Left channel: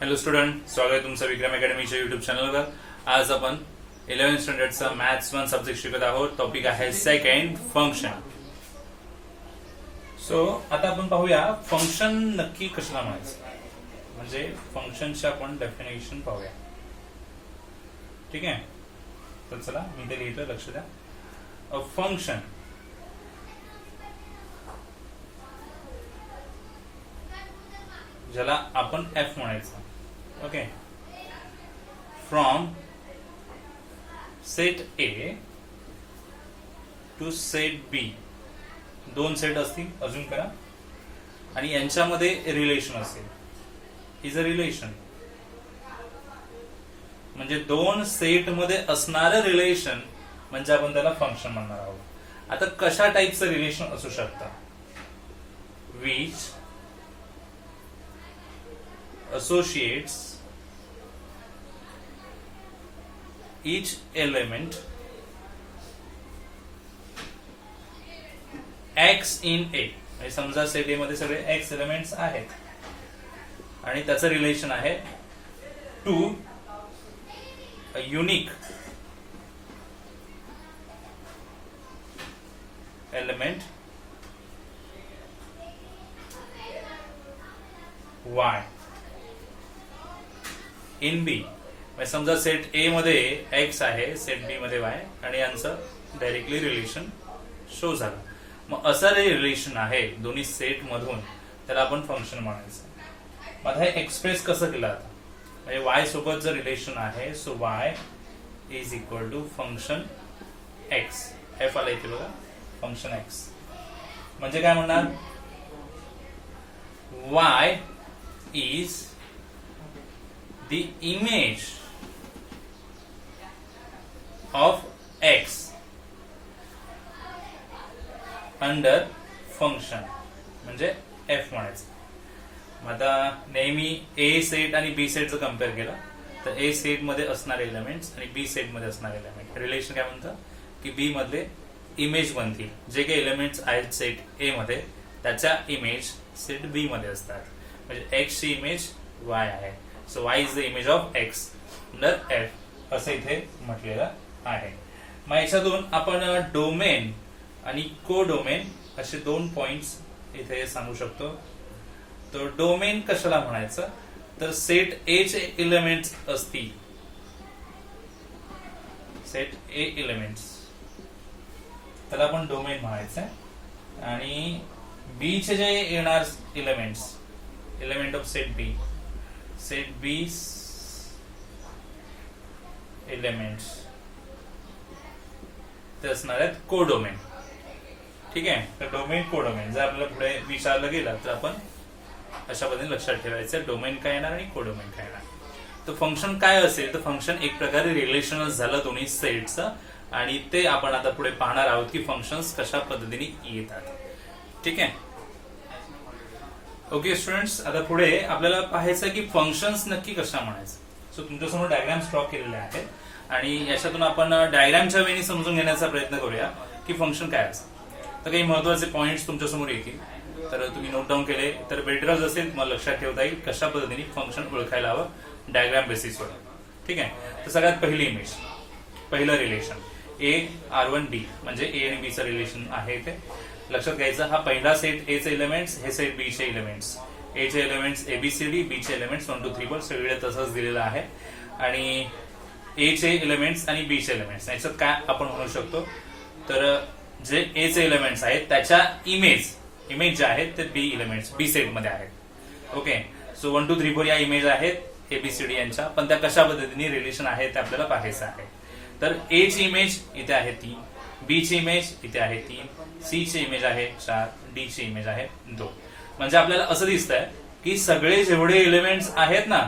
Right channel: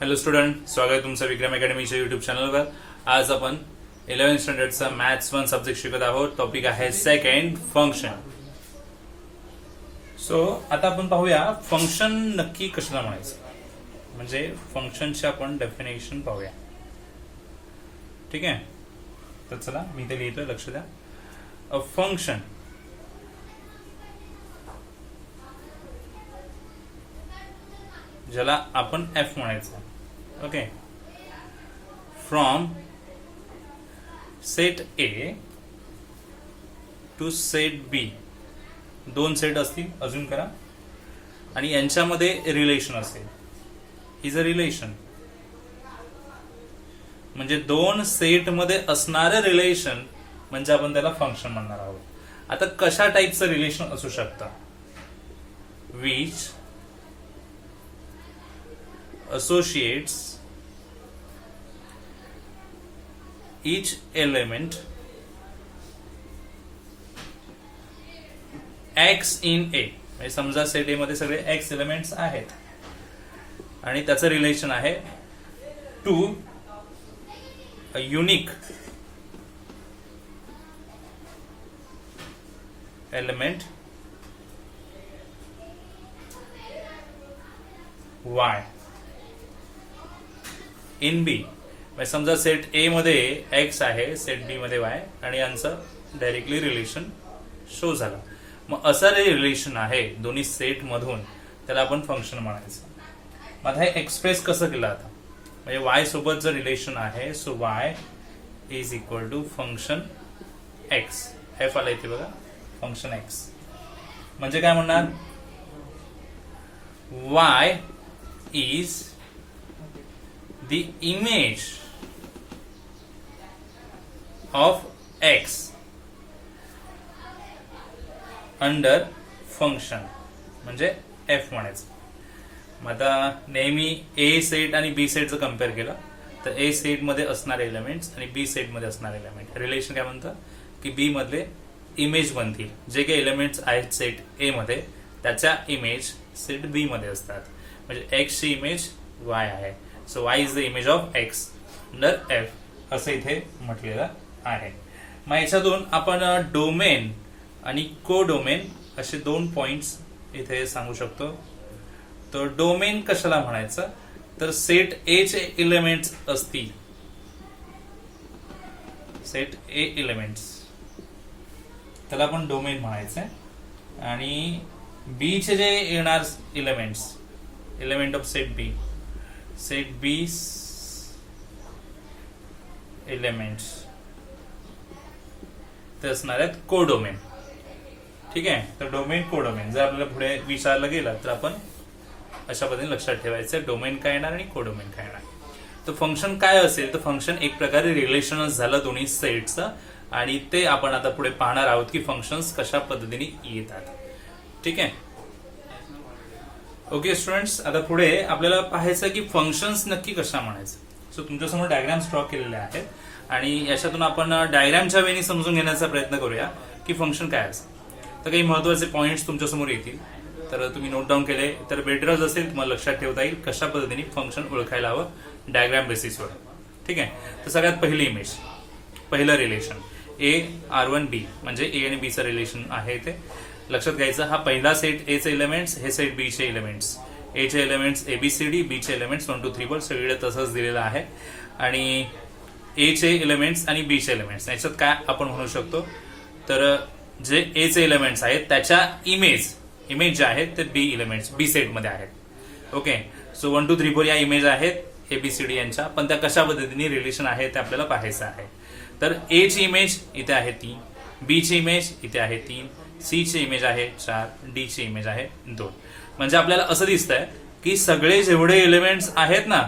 Hello student, स्वागत आहे तुमचं विक्रम अकॅडमीच्या युट्यूब चॅनलवर. आज आपण 11th स्टँडर्डचा मॅथ्स 1 सब्जेक्ट शिकत आहोत. टॉपिक आहे सेकंड फंक्शन. सो आता आपण पाहूया फंक्शन नक्की कशाला म्हणायचं, म्हणजे फंक्शनची आपण डेफिनेशन पाहूया. ठीक आहे, तर चला मी ते लिहितो, लक्ष द्या. अ फंक्शन ज्याला आपण एफ म्हणायचं. Okay, from set A to set B, दोन सेट असतील, अजून करा, आणि यांच्यामध्ये रिलेशन असेल. इज अ रिलेशन म्हणजे दोन सेट मध्ये असणारं रिलेशन म्हणजे आपण त्याला फंक्शन म्हणणार आहोत. आता कशा टाईपचं रिलेशन असू शकतं? Which associates each element x in A. म्हणजे समजा सेट ए मध्ये सगळे x एलिमेंट्स आहेत आणि त्याचं रिलेशन आहे to a unique element y in B. समजा सेट ए मध्ये एक्स आहे, सेट बी मध्ये वाय, आणि यांचं डायरेक्टली रिलेशन शो झालं. मग असं जे रिलेशन आहे दोन्ही सेट मधून, त्याला आपण फंक्शन म्हणायचं. मग आता हे एक्सप्रेस कसं केलं आता, म्हणजे वाय सोबत जर रिलेशन आहे, so Y is equal to function X. F आला इथे बघा, फंक्शन एक्स म्हणजे काय म्हणणार? Y is the image of x under function म्हणजे f म्हणायचं. मग आता नेहमी ए सेट आणि बी सेटचं कम्पेअर केलं तर ए सेट मध्ये असणारे एलिमेंट्स आणि बी सेट मध्ये असणारे एलिमेंट रिलेशन काय म्हणतं की बी मधले इमेज बनतील. जे काही एलिमेंट्स आहेत सेट ए मध्ये त्याच्या इमेज सेट बी मध्ये असतात. म्हणजे एक्स ची इमेज वाय आहे. So y is the image of x under f असं इथे म्हटलेलं आहे. मग याच्यातून आपण डोमेन आणि को डोमेन असे दोन पॉइंट्स इथे सांगू शकतो. तो डोमेन कशाला म्हणायचं तर सेट ए चे एलिमेंट्स असतील, सेट ए एलिमेंट्स त्याला आपण डोमेन म्हणायचं. आणि बी चे जे येणार elements, element of set B, set B elements ते असणार आहेत कोडोमेन. ठीक आहे, तर डोमेन कोडोमेन जर आपल्याला पुढे विचारलं गेलं तर आपण अशा पद्धतीने लक्षात ठेवायचं डोमेन काय येणार आणि कोडोमेन काय येणार. तर फंक्शन काय असेल तर फंक्शन एक प्रकारे रिलेशनच झालं दोन्ही सेटचं, आणि ते आपण आता पुढे पाहणार आहोत की फंक्शन्स कशा पद्धतीने येतात. ठीक आहे, ओके स्टुडंट्स, आता पुढे आपल्याला पाहायचं की फंक्शन्स नक्की कशा म्हणायचं. सो तुमच्यासमोर डायग्राम्स ड्रॉ केलेले आहेत आणि याच्यातून आपण डायग्रामच्या वेळी समजून घेण्याचा प्रयत्न करूया की फंक्शन काय असतं. तर काही महत्वाचे पॉइंट्स तुमच्यासमोर येतील, तर तुम्ही नोट डाऊन केले तर बेटरच असेल, तुम्हाला लक्षात ठेवता येईल कशा पद्धतीने फंक्शन ओळखायला हवं डायग्राम बेसिसवर. ठीक आहे, तर सगळ्यात पहिली इमेज, पहिलं रिलेशन ए R1 D म्हणजे ए आणि बी चं रिलेशन आहे. इथे लक्षात घ्यायचं, हा पहिला सेट ए चे एलिमेंट्स, हे सेट बी चे एलिमेंट्स. ए चे एलिमेंट्स ABCD, बी चे एलिमेंट्स 1 2 3 4 सगळे तसंच दिलेलं आहे. आणि ए चे एलिमेंट्स आणि बी चे एलिमेंट्स याच्यात काय आपण म्हणू शकतो तर जे ए चे एलिमेंट्स आहेत त्याच्या इमेज जे आहेत ते बी एलिमेंट्स बी सेट मध्ये आहेत. ओके, सो 1 2 3 4 या इमेज आहेत ABCD यांच्या, पण त्या कशा पद्धतीने रिलेशन आहे ते आपल्याला पाहायचं आहे. तर ए ची इमेज इथे आहे 3, बी ची इमेज इथे आहे 3, सी ची इमेज आहे 4, डी ची इमेज आहे 2. म्हणजे आपल्याला असं दिसतंय की सगळे जेवढे एलिमेंट्स आहेत ना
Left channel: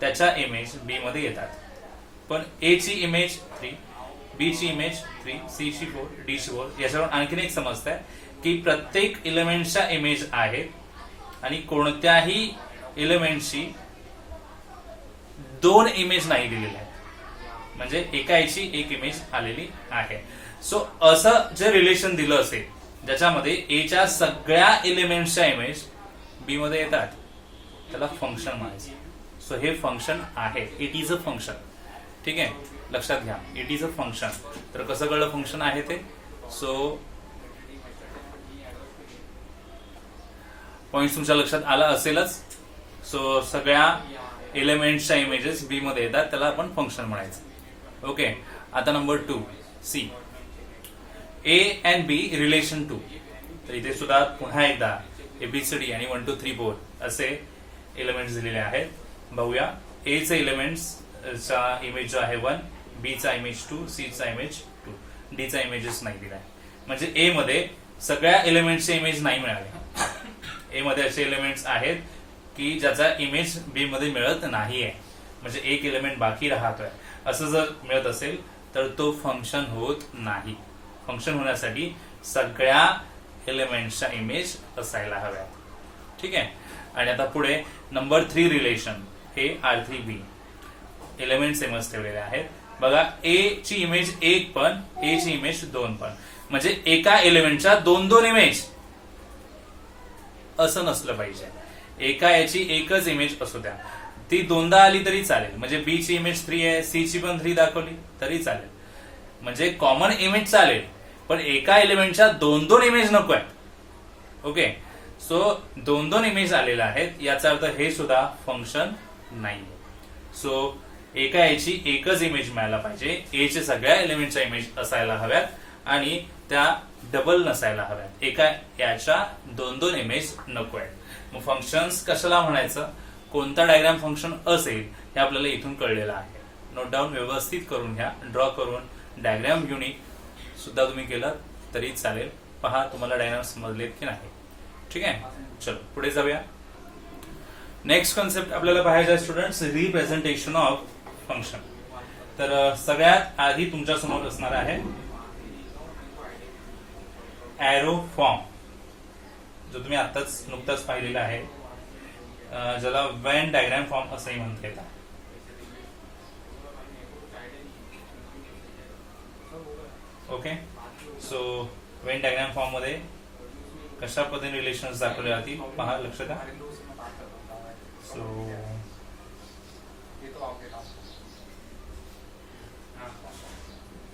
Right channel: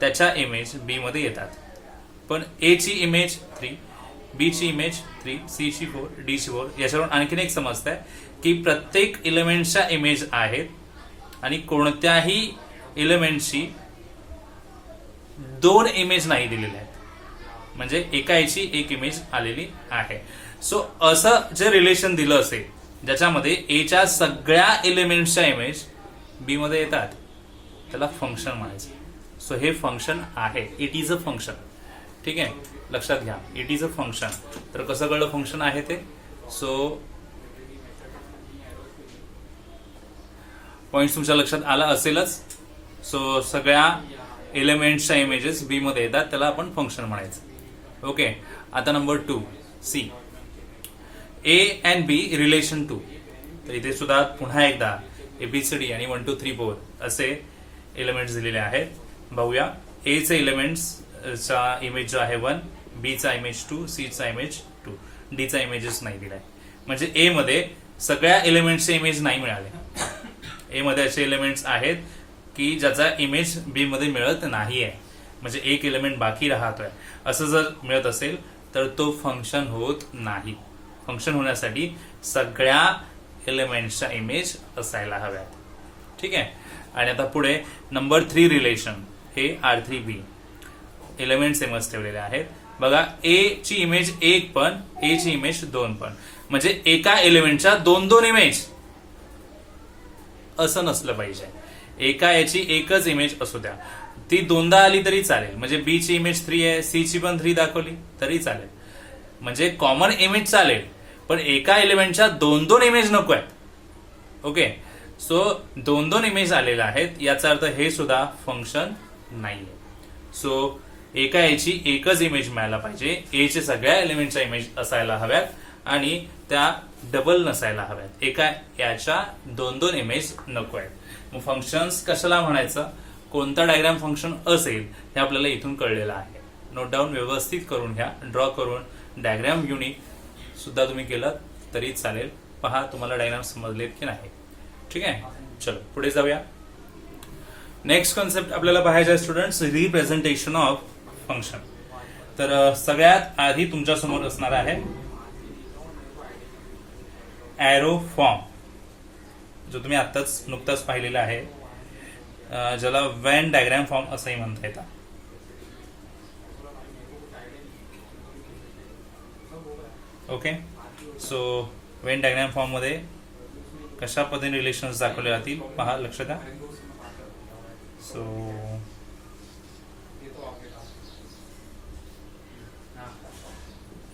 त्याच्या इमेज बी मध्ये येतात. पण ए ची इमेज 3, बी ची इमेज 3, सी ची 4, डी ची 4. याच्यावरून आणखीन एक समजतंय की प्रत्येक एलिमेंटच्या इमेज आहेत आणि कोणत्याही एलिमेंटची 2 इमेज नाही दिलेल्या आहेत, म्हणजे एका याची एक इमेज आलेली आहे. सो असं जे रिलेशन दिलं असेल ज्याच्यामध्ये ए च्या सगळ्या एलिमेंट्सच्या इमेज बी मध्ये येतात त्याला फंक्शन म्हणायचं. सो हे फंक्शन आहे, इट इज अ फंक्शन. ठीक आहे, लक्षात घ्या, इट इज अ फंक्शन. तर कसं कळलं फंक्शन आहे ते? सो पॉइंट तुमच्या लक्षात आला असेलच. सो सगळ्या एलिमेंट्सच्या इमेजेस बी मध्ये येतात, त्याला आपण फंक्शन म्हणायचं. ओके, आता number 2 C, A and B relation 2. तर इथे सुद्धा पुन्हा एकदा एबीसीडी आणि 1 2 3 4 असे एलिमेंट्स दिलेले आहेत. बघूया, ए चे एलिमेंट्सचा इमेज जो आहे 1, बी चा इमेज 2, सी चा इमेज 2, डी चा इमेजेस नाही दिलाय. म्हणजे ए मध्ये सगळ्या एलिमेंट्सचे इमेज नाही मिळाले. ए मध्ये असे एलिमेंट्स आहेत की ज्याचा इमेज बी मध्ये मिळत नाहीये, म्हणजे एक एलिमेंट बाकी राहतोय. असं जर मिळत असेल तर तो फंक्शन होत नाही. फंक्शन होण्यासाठी सगळ्या एलिमेंट्सच्या इमेज असायला हव्या. ठीक आहे. आणि आता पुढे नंबर 3 रिलेशन, हे R3B एलिमेंट सेमच ठेवलेले आहेत. बघा, ए ची इमेज 1 पण, ए ची इमेज 2 पण, म्हणजे एका एलिमेंटच्या 2 इमेज असं नसलं पाहिजे. एका याची एकच इमेज असू द्या, ती 2दा आली तरी चालेल. म्हणजे बी ची इमेज 3 आहे, सी ची पण 3 दाखवली तरी चालेल. म्हणजे कॉमन इमेज चालेल, पण एका एलिमेंटच्या 2 इमेज नको आहेत. ओके, सो 2 इमेज आलेल्या आहेत, याचा अर्थ हे सुद्धा फंक्शन नाही. सो एका याची एकच इमेज मिळायला पाहिजे, ए चे सगळ्या एलिमेंटच्या इमेज असायला हव्यात आणि त्या डबल नसायला हव्यात. एका याच्या 2 इमेज नको आहेत. मग फंक्शन्स कशाला म्हणायचं, कोणता डायग्राम फंक्शन असेल हे आपल्याला इथून कळलेलं आहे. नोट डाऊन व्यवस्थित करून घ्या, ड्रॉ करून डायग्राम युनिक सुद्धा तुम्ही केलं तरी चालेल. पहा तुम्हाला डायग्राम समजलेत की नाही. ठीक आहे, चलो पुढे जाऊया. नेक्स्ट कॉन्सेप्ट आपल्याला पाहायचा आहे स्टुडंट्स, रिप्रेझेंटेशन ऑफ फंक्शन. तर सगळ्यात आधी तुमच्या समोर असणार आहे एरो फॉर्म, जो तुम्ही आताच नुकताच पाहिलेला आहे, ज्याला वेन डायग्राम फॉर्म असंही म्हणता येतं. Okay, so Venn diagram form मध्ये कशा पद्धतीने रिलेशन्स दाखवले जातील पहा, लक्ष द्या. सो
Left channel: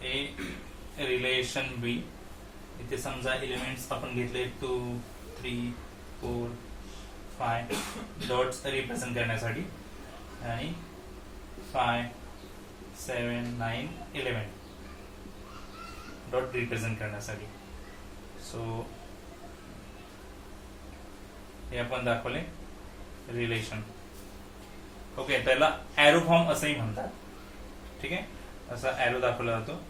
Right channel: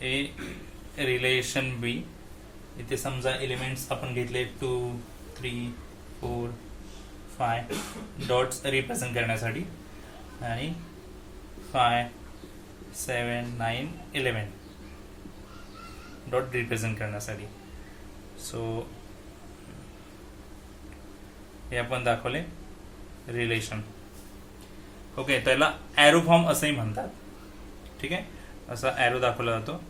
ए रिलेशन बी, इथे समजा एलिमेंट्स आपण घेतले 2 3 4 5 डॉट्स रिप्रेझेंट करण्यासाठी, आणि 5 7 9 11 डॉट रिप्रेझेंट करण्यासाठी. सो हे आपण दाखवले रिलेशन. ओके, त्याला एरो फॉर्म असंही म्हणतात. ठीक आहे, असा एरो दाखवला जातो.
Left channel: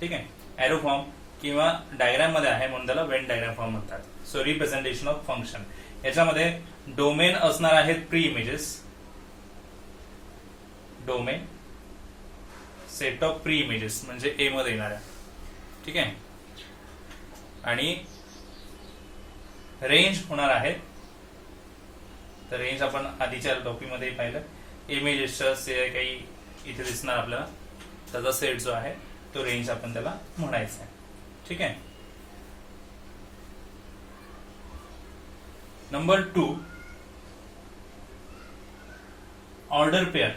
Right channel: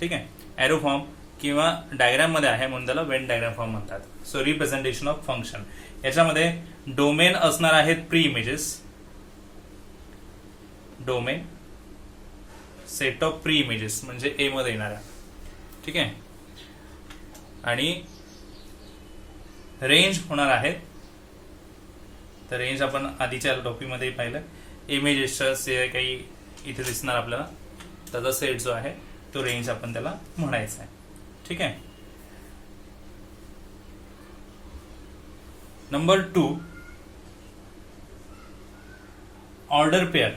ठीक आहे, एरो फॉर्म किंवा डायग्राम मध्ये आहे म्हणून त्याला वेन डायग्राम फॉर्म म्हणतात. सो रिप्रेझेंटेशन ऑफ फंक्शन, याच्यामध्ये डोमेन असणार आहेत pre images, domain set of pre images म्हणजे ए मध्ये येणाऱ्या. ठीक आहे, आणि रेंज होणार आहे. तर रेंज आपण आधीच्या टॉपिक मध्ये पाहिलं, इमेजेसच्या काही इथे दिसणार आपल्याला, त्याचा सेट जो आहे तो रेंज आपण त्याला म्हणायचा आहे. ठीक आहे. Number 2 order pair.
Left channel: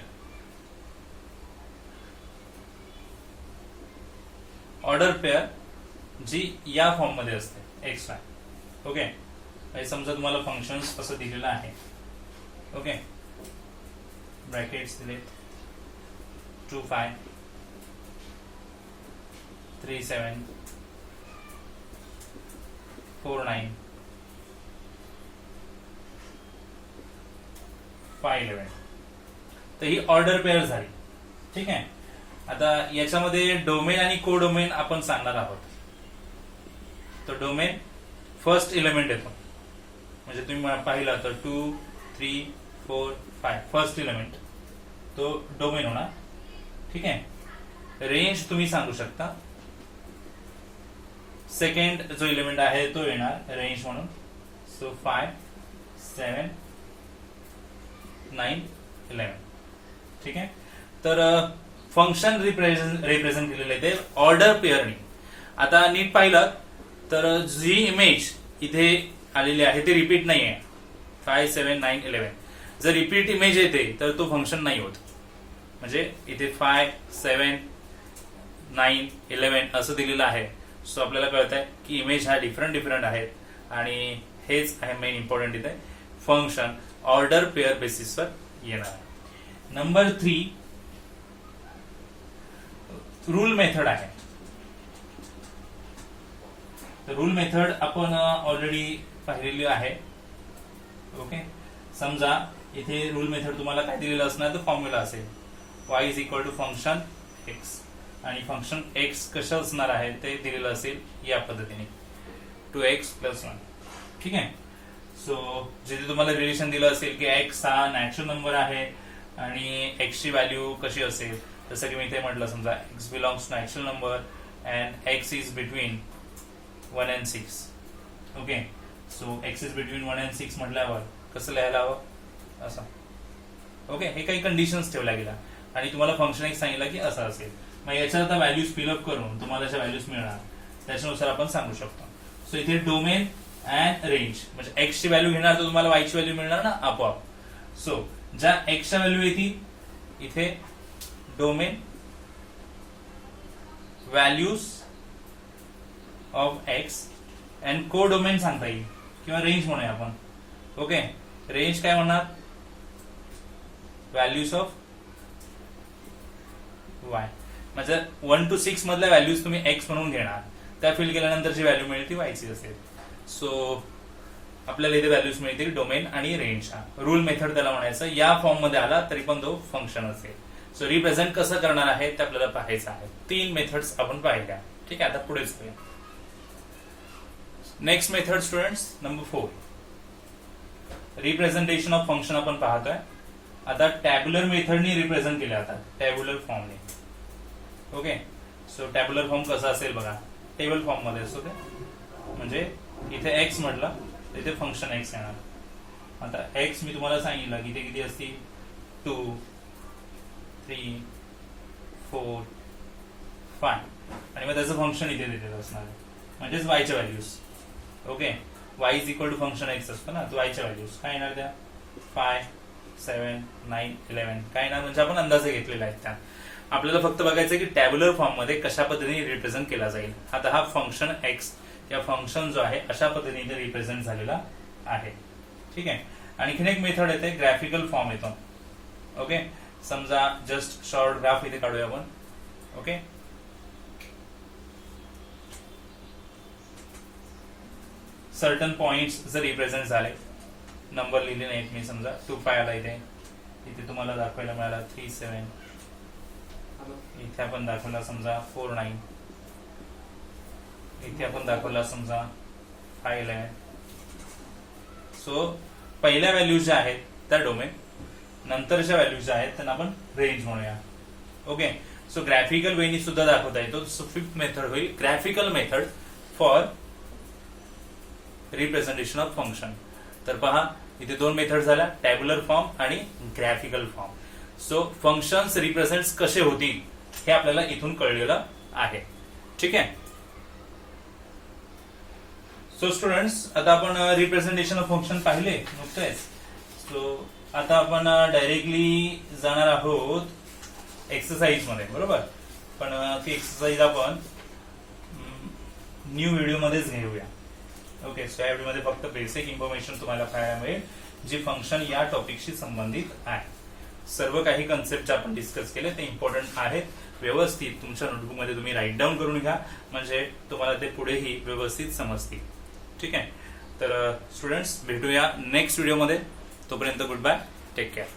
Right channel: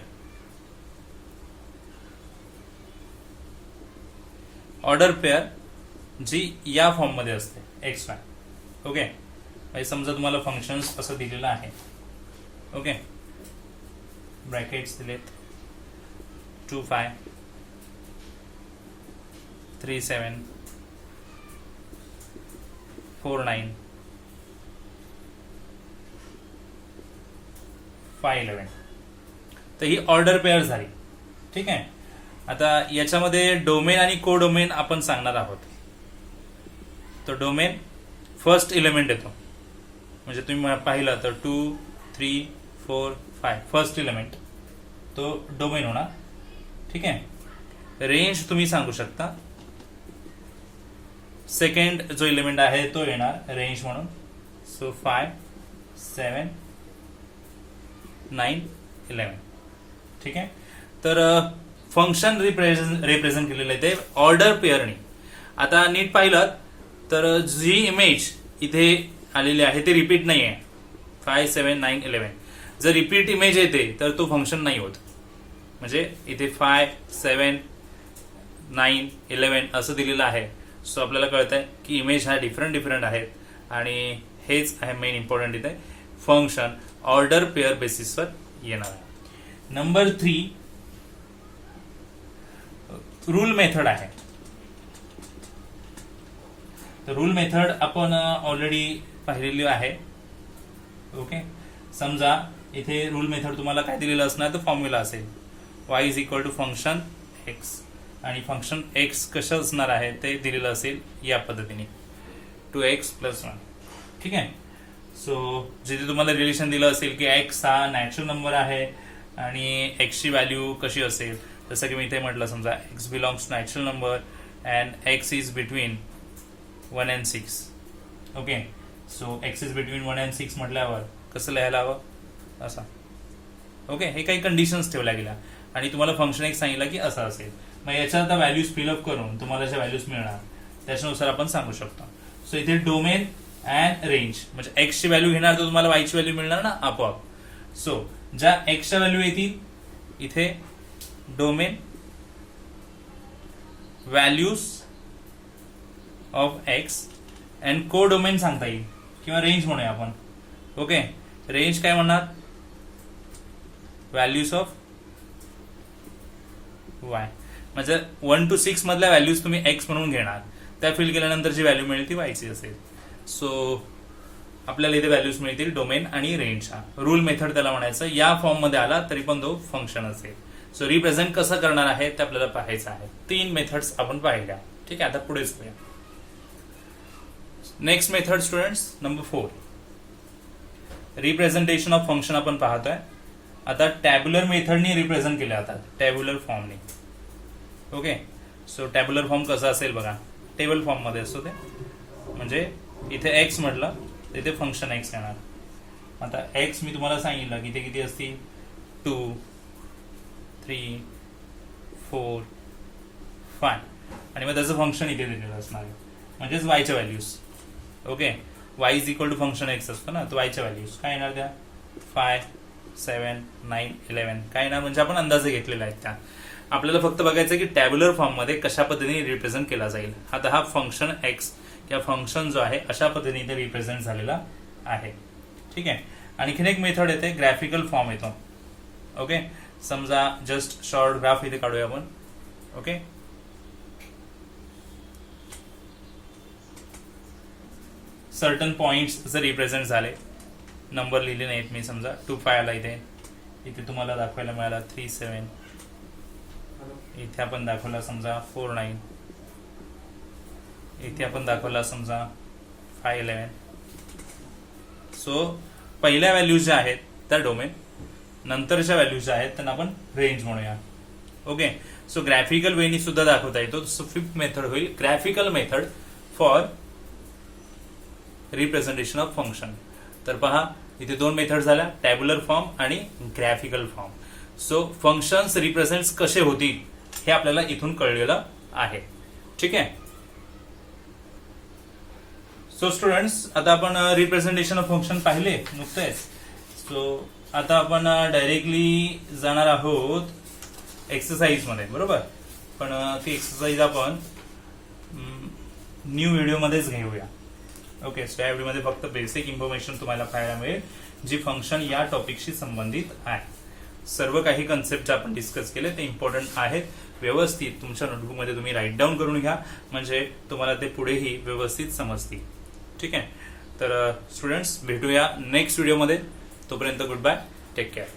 Order pair जी या फॉर्म मध्ये असते एक्स वाय. ओके, समजा तुम्हाला फंक्शन्स असं दिलेलं आहे. ओके, ब्रॅकेट्स दिलेत 2 5 3 7 4 9 5 11. तर ही ऑर्डर पेअर झाली. ठीक आहे. आता याच्यामध्ये डोमेन आणि को डोमेन आपण सांगणार आहोत. तो डोमेन फर्स्ट एलिमेंट येतो, म्हणजे तुम्ही पाहिलं तर 2 3 4 5 फर्स्ट एलिमेंट तो डोमेन होणार. ठीक आहे. रेंज तुम्ही सांगू शकता, सेकंड जो एलिमेंट आहे तो येणार रेंज म्हणून. सो 5 7 9 11. ठीक आहे. तर फंक्शन रिप्रेझेंट केलेलं आहे ते ऑर्डर पेअरने. आता नीट पाहिलं तर जी इमेज इथे आलेली आहे ती रिपीट नाही आहे. 5, 7, 9, 11 जर रिपीट इमेज येते तर तो फंक्शन नाही होत. म्हणजे इथे 5, 7, 9, 11 असं दिलेलं आहे. सो आपल्याला कळत आहे की इमेज हा डिफरंट आहेत आणि हेच आहे मेन इम्पॉर्टंट इथे फंक्शन ऑर्डर पेअर बेसिसवर येणार. नंबर 3 रूल मेथड आहे. तर रूल मेथड आपण ऑलरेडी पाहिलेली आहे. ओके, समजा इथे रूल मेथड तुम्हाला काय दिलेलं असणार तर फॉर्म्युला असेल y is equal to function x आणि फंक्शन x कसं असणार आहे ते दिलेलं असेल या पद्धतीने 2x + 1. ठीक आहे. सो जिथे तुम्हाला रिलेशन दिलं असेल की x हा नॅचरल नंबर आहे आणि x ची व्हॅल्यू कशी असेल, जसं की मी इथे म्हटलं समजा x belongs to natural number and x is between 1 and 6. Okay, so x is between 1 and 6 म्हटल्यावर कसं लिहायला हवं असं. ओके, हे काही कंडिशन्स ठेवल्या गेल्या आणि तुम्हाला फंक्शन एक सांगितलं की असं असेल. मग याच्यात आता व्हॅल्यूज फिलअप करून तुम्हाला ज्या व्हॅल्यूज मिळणार त्याच्यानुसार आपण सांगू शकतो. सो इथे डोमेन अँड रेंज म्हणजे एक्स ची व्हॅल्यू घेणार तर तुम्हाला वाय ची व्हॅल्यू मिळणार ना आपोआप. सो ज्या एक्सच्या व्हॅल्यू येतील इथे domain values of x and को डोमेन सांगता येईल किंवा रेंज म्हणूया आपण. ओके, रेंज काय म्हणणार व्हॅल्यूज ऑफ वाय म्हणजे 1 to 6 मधल्या व्हॅल्यूज तुम्ही एक्स म्हणून घेणार, त्या फिल केल्यानंतर जी व्हॅल्यू मिळेल ती वायची असेल. सो आपल्याला इथे व्हॅल्यूज मिळतील डोमेन आणि रेंजच्या. रूल मेथड त्याला म्हणायचं. या फॉर्म मध्ये आला तरी पण तो फंक्शन असेल. सो रिप्रेझेंट कसं करणार आहे ते आपल्याला पाहायचं आहे. 3 मेथड्स आपण पाहिल्या. ठीक आहे, आता पुढेच करूया. Next method students number 4 representation of function आपण पाहतोय. आता टॅब्युलर मेथडने रिप्रेझेंट केलं जातात, टॅब्युलर फॉर्मने. ओके, सो टॅब्युलर फॉर्म कसा असेल बघा, टेबल फॉर्म मध्ये असतो ते. म्हणजे इथे एक्स म्हटलं तिथे फंक्शन एक्स येणार. आता एक्स मी तुम्हाला सांगितलं की ते किती असतील 2, 3, 4, 5 आणि मग त्याचं फंक्शन इथे दिलेलं असणार आहे म्हणजेच वायच्या values. Okay, y is equal to function X असतो ना, तो वायच्या व्हॅल्यूज काय येणार त्या 5, 7, 9, 11 काय येणार म्हणजे आपण अंदाजे घेतलेले आहेत त्या. आपल्याला फक्त बघायचं की टॅब्युलर फॉर्म मध्ये कशा पद्धतीने रिप्रेझेंट केला जाईल. आता हा फंक्शन एक्स किंवा फंक्शन जो आहे अशा पद्धतीने रिप्रेझेंट झालेला आहे. ठीक आहे. आणखीन एक मेथड येते ग्राफिकल फॉर्म येतो. ओके, समजा जस्ट शॉर्ट ग्राफ इथे काढूया आपण. ओके, सर्टन पॉइंट्स जर रिप्रेझेंट झाले, नंबर लिहिले नाहीत मी, समजा 2, 5 आला इथे तुम्हाला दाखवायला मिळाला 3, 7 इथे आपण दाखवला समजा 4, 9 इथे आपण दाखवला समजा 5, 11. सो पहिल्या व्हॅल्यूज ज्या आहेत त्या डोमेन, नंतरच्या व्हॅल्यूज ज्या आहेत त्यांना आपण रेंज म्हणूया. ओके, सो ग्राफिकल वेनी सुद्धा दाखवता येतो. सो 5th मेथड होईल graphical method for representation of function. तर पहा इथे 2 मेथड झाल्या, टॅब्युलर फॉर्म आणि graphical form. So functions represent कसे होतील हे आपल्याला इथून कळलेलं आहे. ठीक आहे. सो स्टुडंट्स आता आपण रिप्रेझेंटेशन ऑफ फंक्शन पाहिले नुकतेच. सो आता आपण डायरेक्टली जाणार आहोत एक्सरसाइज मध्ये, बरोबर. पण ती एक्सरसाइज आपण न्यू व्हिडिओ मध्येच घेऊया. ओके, सो या व्हिडिओमध्ये फक्त बेसिक इन्फॉर्मेशन तुम्हाला पाहायला मिळेल जी फंक्शन या टॉपिकशी संबंधित आहे. सर्व काही कन्सेप्ट जे आपण डिस्कस केले ते इम्पॉर्टंट आहेत. व्यवस्थित तुमच्या नोटबुकमध्ये तुम्ही राईट डाऊन करून घ्या म्हणजे तुम्हाला ते पुढेही व्यवस्थित समजतील. ठीक आहे. तर स्टुडंट्स भेटूया नेक्स्ट व्हिडिओमध्ये. तोपर्यंत गुड बाय, टेक केअर.